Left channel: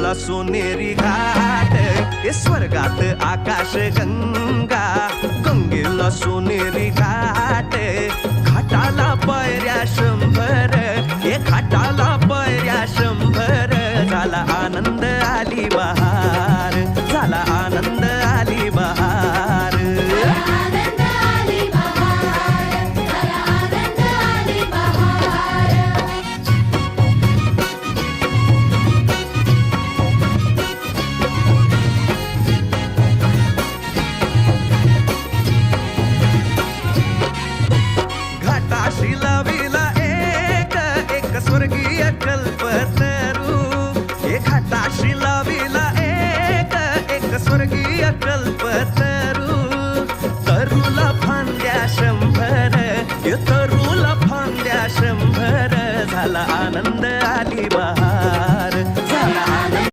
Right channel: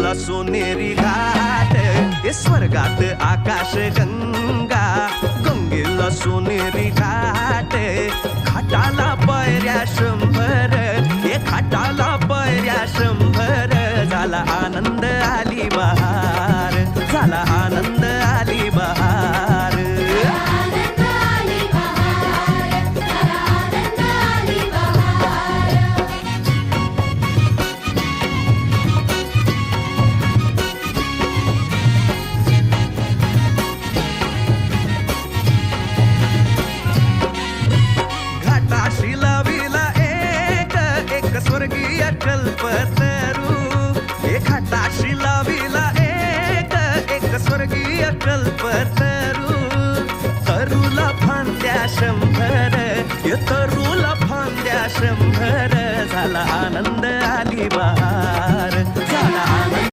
गंगेला सोनेरी घाट, हे स्वर्गात आकाश गंगा. गंगेला सोनेरी घाट, घाटाला पायऱ्या 100, हे घाटाला पायऱ्या 100. झाला आनंद आली बहार, झाला आनंद आली बहार. घाटाशी लाविला एक स्वर्गीय कल्पतरू. हे घाटाशी लाविला एक स्वर्गीय कल्पतरू. तरूला फांद्या 100, हे तरूला फांद्या 100. झाला आनंद आली बहार, झाला आनंद.